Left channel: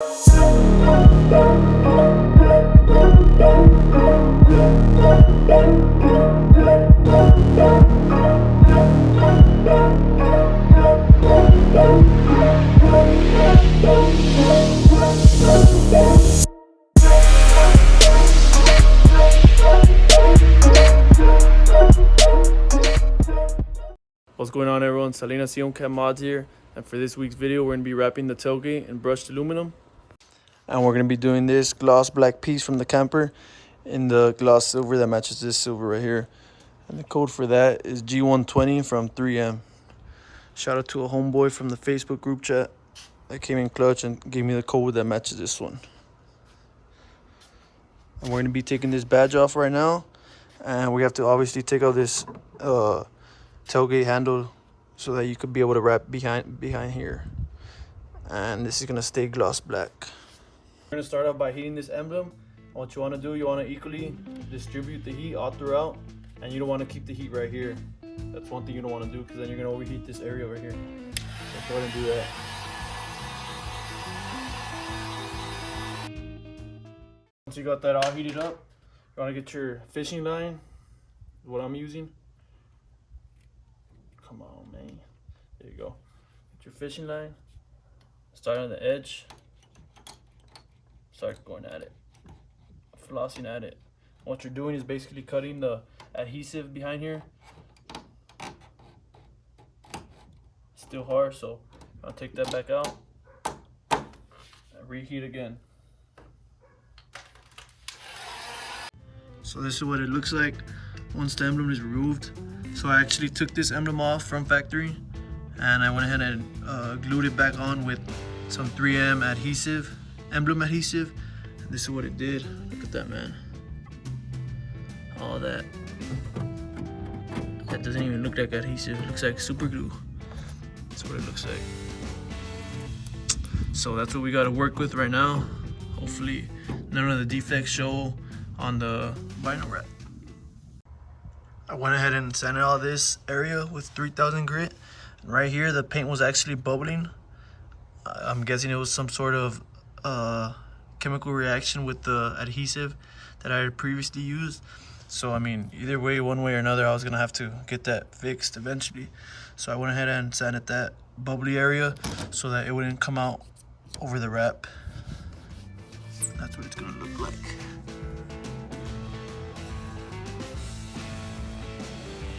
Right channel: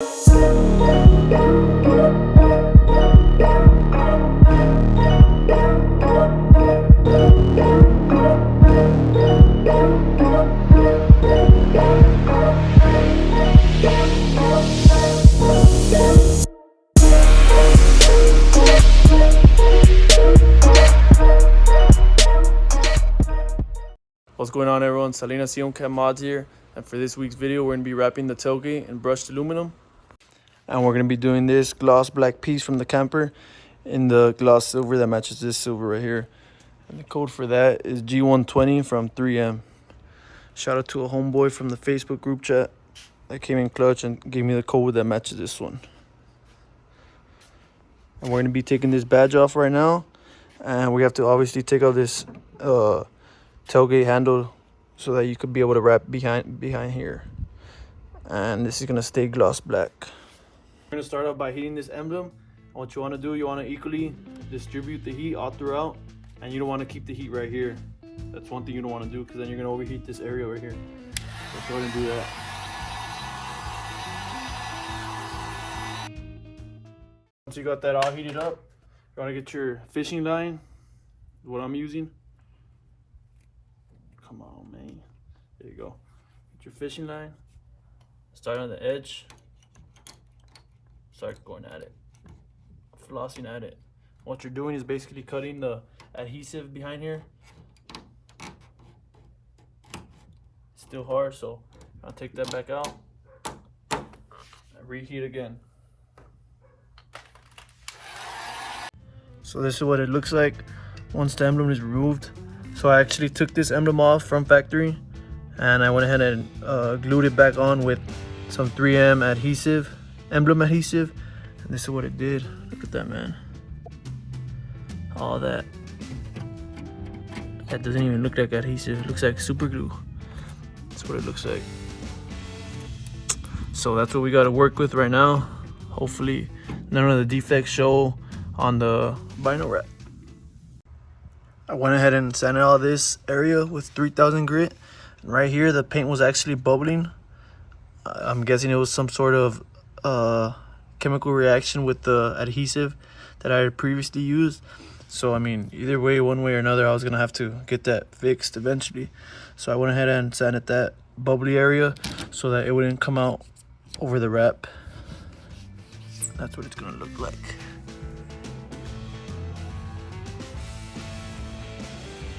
What's going on, everyone? Untitled Mods here, and for this week's video we're going to be wrapping the tailgate in brushed aluminum, and we're going to be doing this gloss black piece from the camper in the gloss silver that matches this silver right here, and the code for that is G120 from 3M. Shout out to a homeboy from the Facebook group chat that came in clutch and gave me the code that matches this one. And we're going to be taking this badge off right now, and we have to obviously take out this tailgate handle so that you could be able to wrap behind here, and this is going to stay gloss black. We're going to start out by heating this emblem. And what you want to do, you want to equally distribute the heat all throughout, and you don't want to keep the heat right here. That's one thing you don't want to do, because then you're going to overheat this area right here. So go ahead and do that. Once you got that all heated up, you want to get your fishing line, what I'm using. Come on, man. There you go. Get your fishing line. Start on the edge. Start going at it. Flossing at it. What you're doing is basically cutting the adhesive behind here. Still hard, so I'll take that back out. And reheat again. So this is what it looks like once the emblem is removed. So I actually took this emblem off from factory, and I went ahead and glued it back on with some 3M adhesive, emblem adhesive, and this is what it did. Look at that, man. All that. That doesn't even look like adhesive. It looks like super glue. That's what it looks like. So that's what we got to work with right now. Hopefully none of the defects show on the vinyl wrap. I went ahead and sanded all this area with 3000 grit, and right here the paint was actually bubbling. I'm guessing it was some sort of chemical reaction with the adhesive that I had previously used. So I mean, either way, one way or another, I was gonna have to get that fixed eventually. So I went ahead and sanded that bubbly area so that it wouldn't come out over the wrap. That's what it's gonna look like.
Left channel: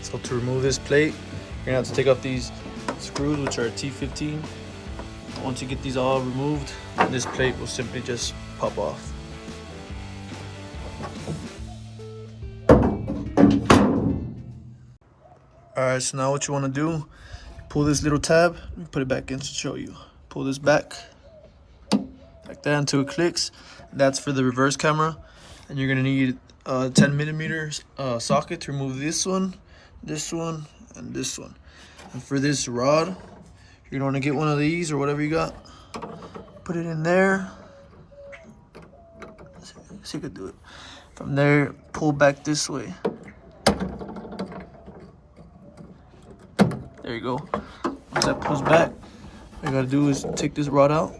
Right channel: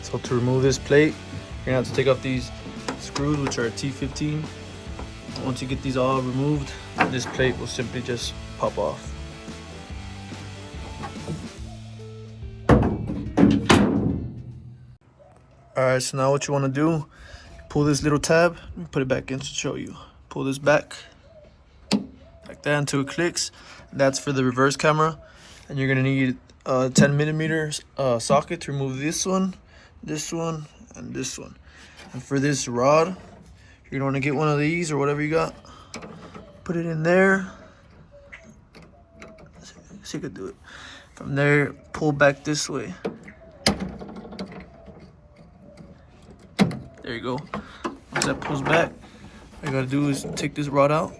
So to remove this plate, you're gonna have to take off these screws, which are T15. Once you get these all removed, this plate will simply just pop off. Alright, so now what you wanna do, pull this little tab and put it back in to show you. Pull this back, like that, until it clicks. That's for the reverse camera. And you're gonna need a 10mm socket to remove this one, and this one. And for this rod, you're gonna get one of these or whatever you got, put it in there. See if you could do it. From there, pull back this way. There you go. Once that pulls back, all you gotta do is take this rod out,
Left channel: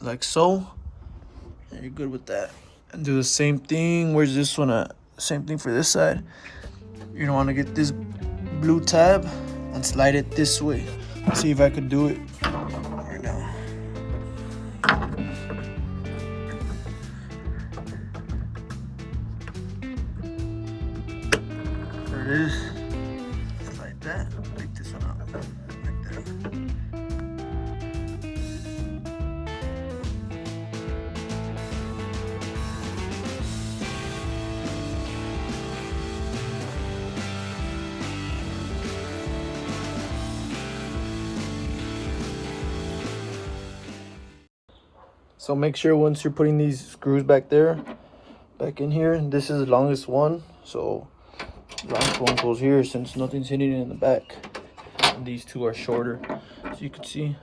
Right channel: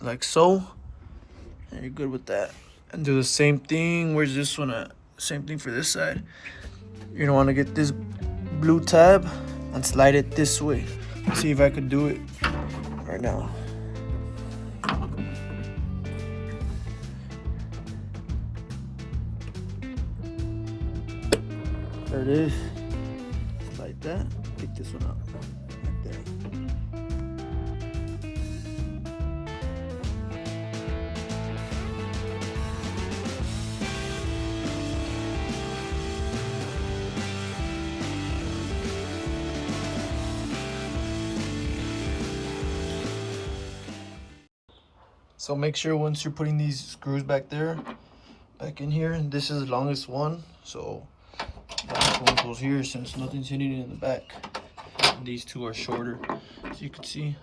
like so, and you're good with that. And do the same thing. Where's this one at? Same thing for this side. You're gonna want to get this blue tab and slide it this way. Let's see if I could do it right now. There it is. Slide that. Take this one out like that. So make sure once you're putting these screws back in here, this is the longest one, so the last one goes here since nothing's hitting it in the back. And these two are shorter, as you can see.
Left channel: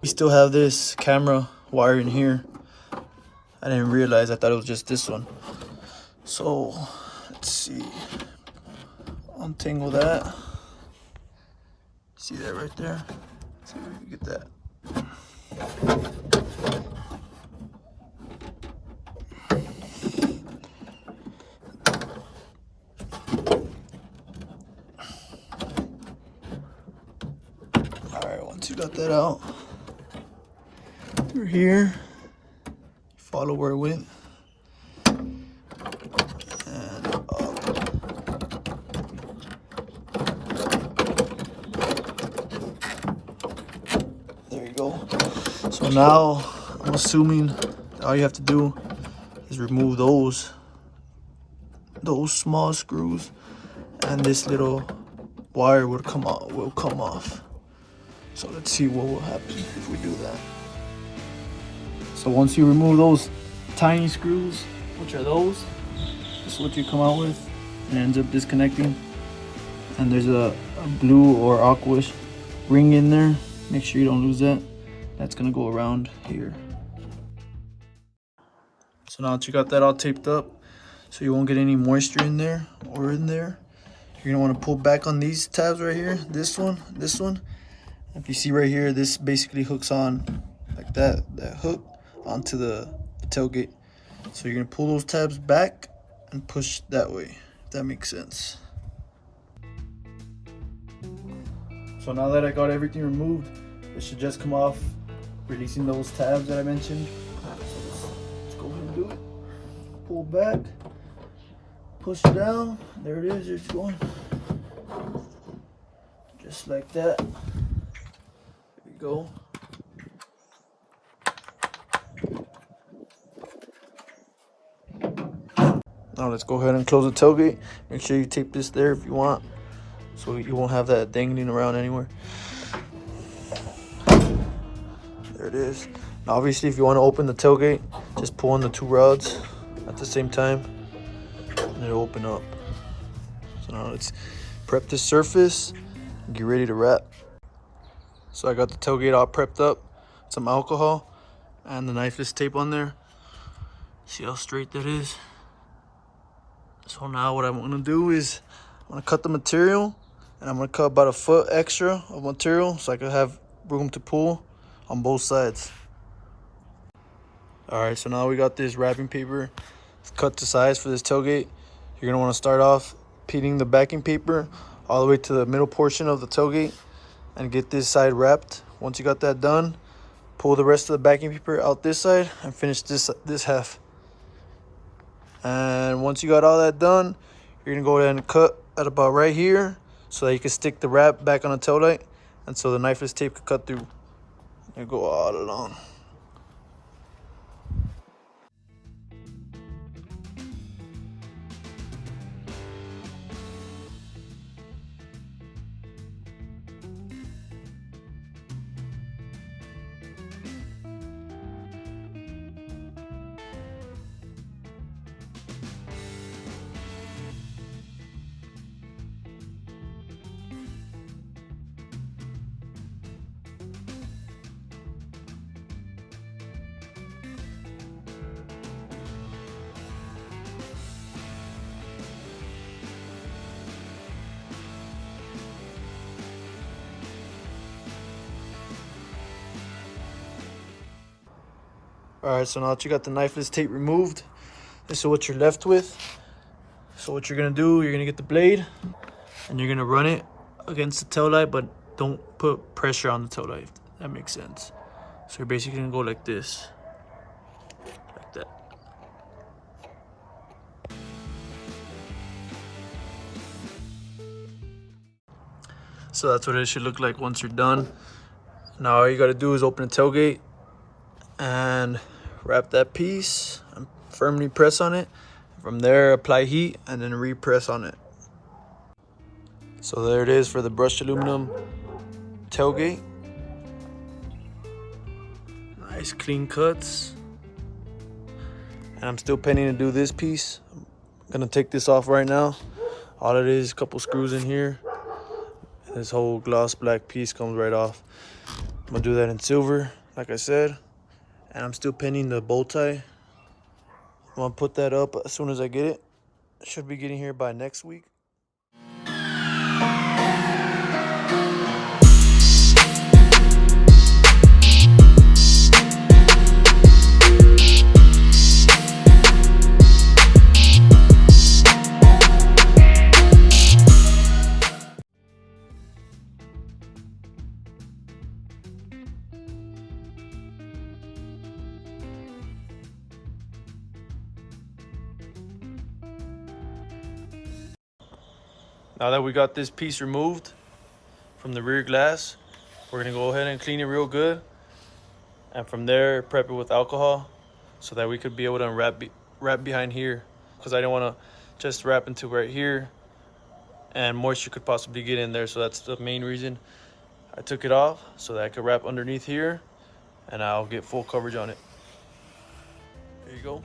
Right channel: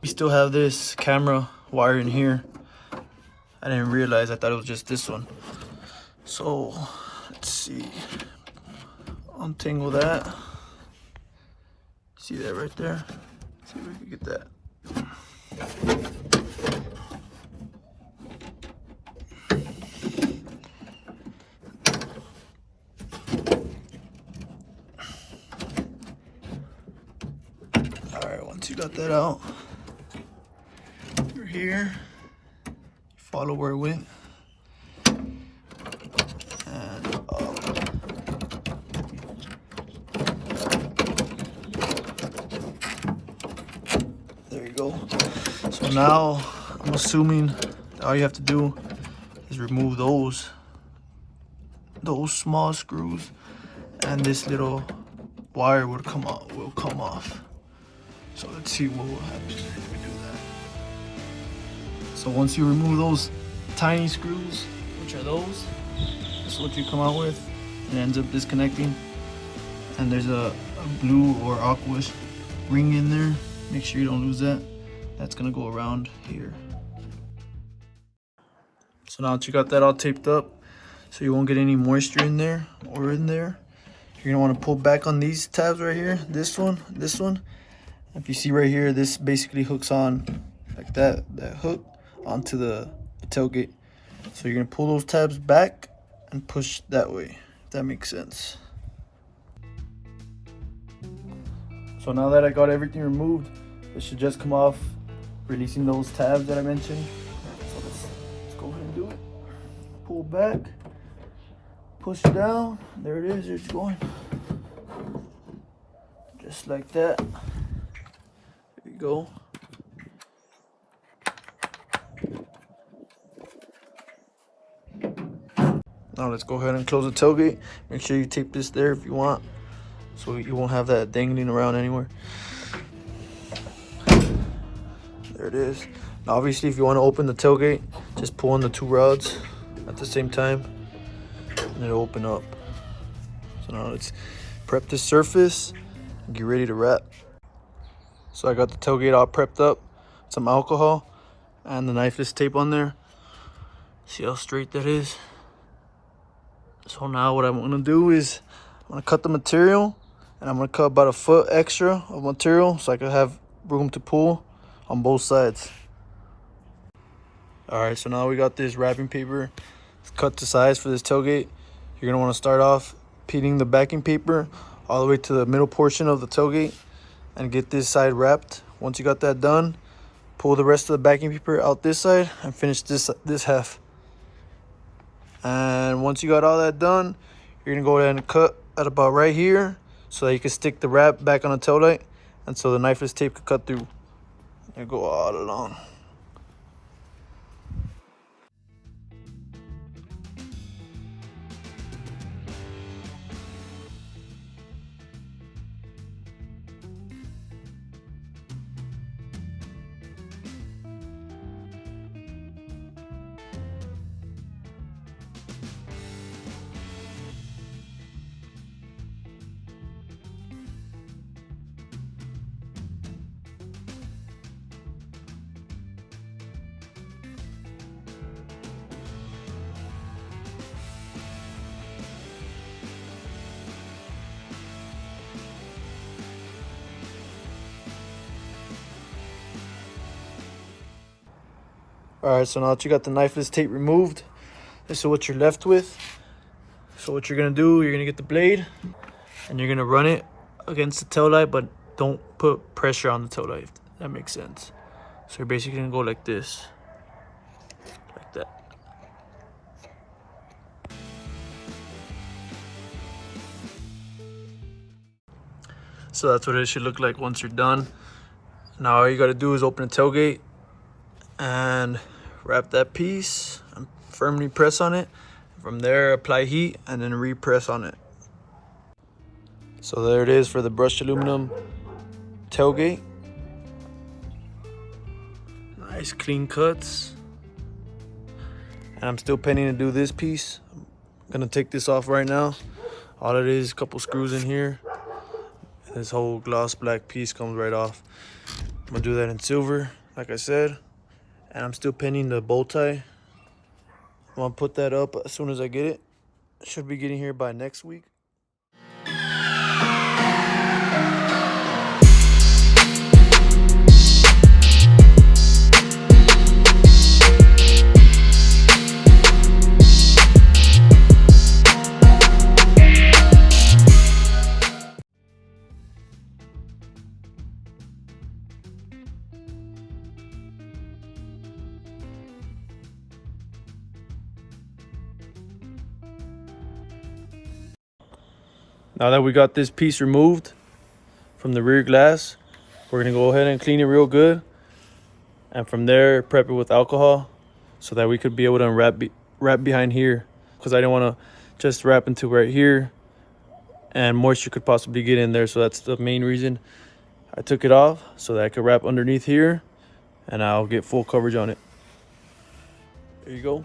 We still have this camera wire in here. I didn't realize, I thought it was just this one. So let's see, untangle that. See that right there? See if we can get that. Alright, once you got that out, we're here. Follow where it went. And up. There you go. So now, I'm assuming all you have to do is remove those small screws, and this little wire will come off. So let's see what will happen if we do that. So once you remove those tiny screws, which are those, that's what you come out with. It ends up disconnecting, and there's a blue or aquish ring in there. Make sure you don't lose that. That's gonna go around here. So now that you got that all taped up, so you won't get any moisture in there or in there, you're gonna want to pull back on these tabs right here. This one. If you see right here, this basically hooks on like that hook onto the tailgate. So you're gonna pull those tabs back and push that way, if that makes sense. So now that I got everything removed, it should just come off, releasing those tabs that I mentioned. So let's go ahead and do it. Pull back, push down, there it is, it's going. Just like that. There you go. Now let's go ahead and close the tailgate. Make sure you tape this there if you want, so you won't have that dangling around anywhere. There it is. Now obviously if you want to open the tailgate, just pull on the two rods at the same time and it'll open up. So now let's prep the surface and get ready to wrap. So I got the tailgate all prepped up, some alcohol and the Knifeless tape on there. See how straight that is? So now what I'm gonna do is I'm gonna cut the material, and I'm gonna cut about 1 foot extra of material so I can have room to pull on both sides. All right, so now we got this wrapping paper. It's cut to size for this tailgate. You're gonna wanna start off peeling the backing paper all the way to the middle portion of the tailgate and get this side wrapped. Once you got that done, pull the rest of the backing paper out this side and finish this half. And once you got all that done, you're gonna go ahead and cut at about right here so that you can stick the wrap back on the tail light, and so the Knifeless tape can cut through and go all along. All right, so now that you got the Knifeless tape removed, this is what you're left with. So what you're gonna do, you're gonna get the blade and you're gonna run it against the tail light, but don't put pressure on the tail light, if that makes sense. So you're basically gonna go like this, like that. So that's what it should look like once you're done. Now all you gotta do is open the tailgate and wrap that piece and firmly press on it. From there, apply heat and then repress on it. So there it is for the brushed aluminum tailgate. Nice clean cuts. And I'm still pending to do this piece. I'm gonna take this off right now. All it is, a couple screws in here. This whole gloss black piece comes right off. I'm gonna do that in silver, like I said. And I'm still pinning the bow tie. I'm gonna put that up as soon as I get it. Should be getting here by next week. Now that we got this piece removed from the rear glass, we're gonna go ahead and clean it real good, and from there prep it with alcohol so that we could be able to wrap behind here, because I didn't want to just wrap into right here and moisture could possibly get in there. So that's the main reason I took it off, so that I could wrap underneath here and I'll get full coverage on it. There you go.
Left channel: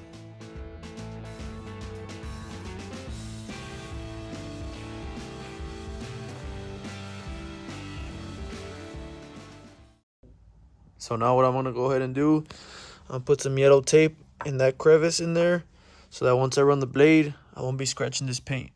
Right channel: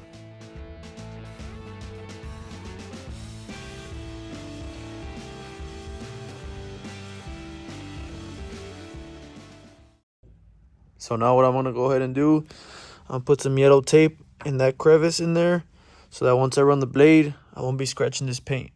So now what I'm gonna go ahead and do, I'll put some yellow tape in that crevice in there so that once I run the blade, I won't be scratching this paint.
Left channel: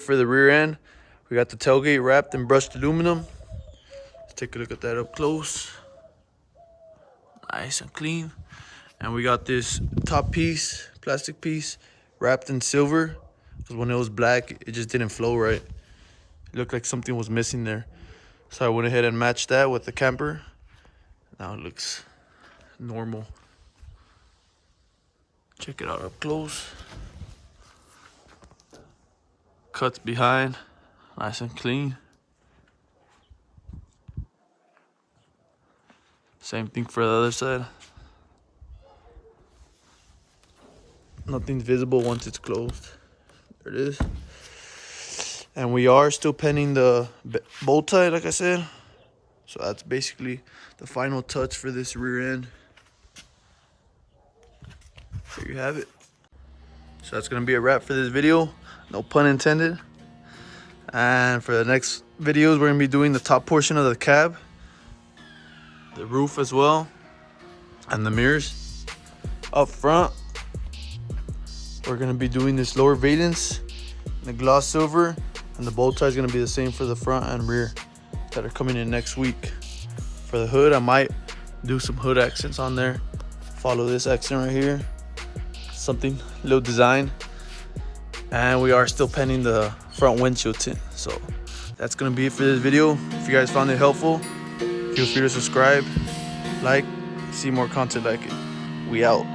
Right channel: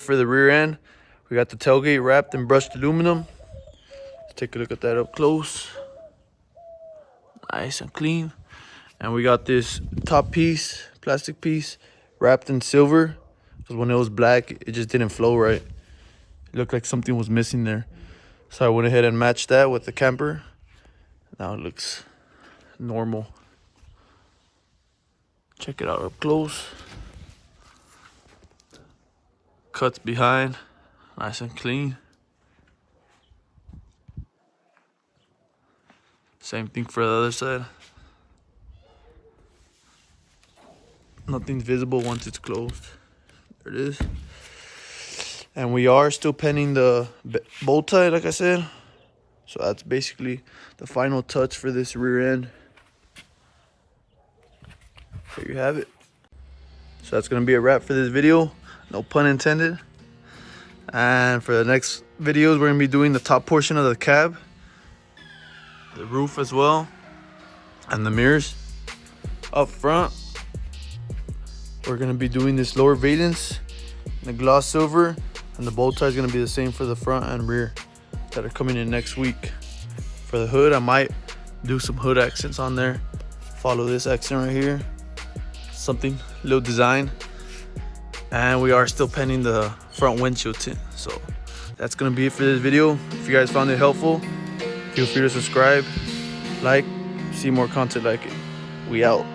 For the rear end, we got the tailgate wrapped in brushed aluminum. Let's take a look at that up close. Nice and clean. And we got this top piece, plastic piece, wrapped in silver, because when it was black, it just didn't flow right. It looked like something was missing there. So I went ahead and matched that with the camper. Now it looks normal. Check it out up close. Cuts behind, nice and clean. Same thing for the other side. Nothing's visible once it's closed. There it is. And we are still penning the bow tie, like I said. So that's basically the final touch for this rear end. There you have it. So that's gonna be a wrap for this video. No pun intended. And for the next videos, we're gonna be doing the top portion of the cab, the roof as well, and the mirrors. Up front, we're gonna be doing this lower valence, the gloss silver, and the bow tie is gonna be the same for the front and rear that are coming in next week. For the hood, I might do some hood accents on there. Follow this accent right here, something, little design. And we are still penning the front windshield tint. So that's gonna be it for this video. If you guys found it helpful, feel free to subscribe, like, see more content like it. We out.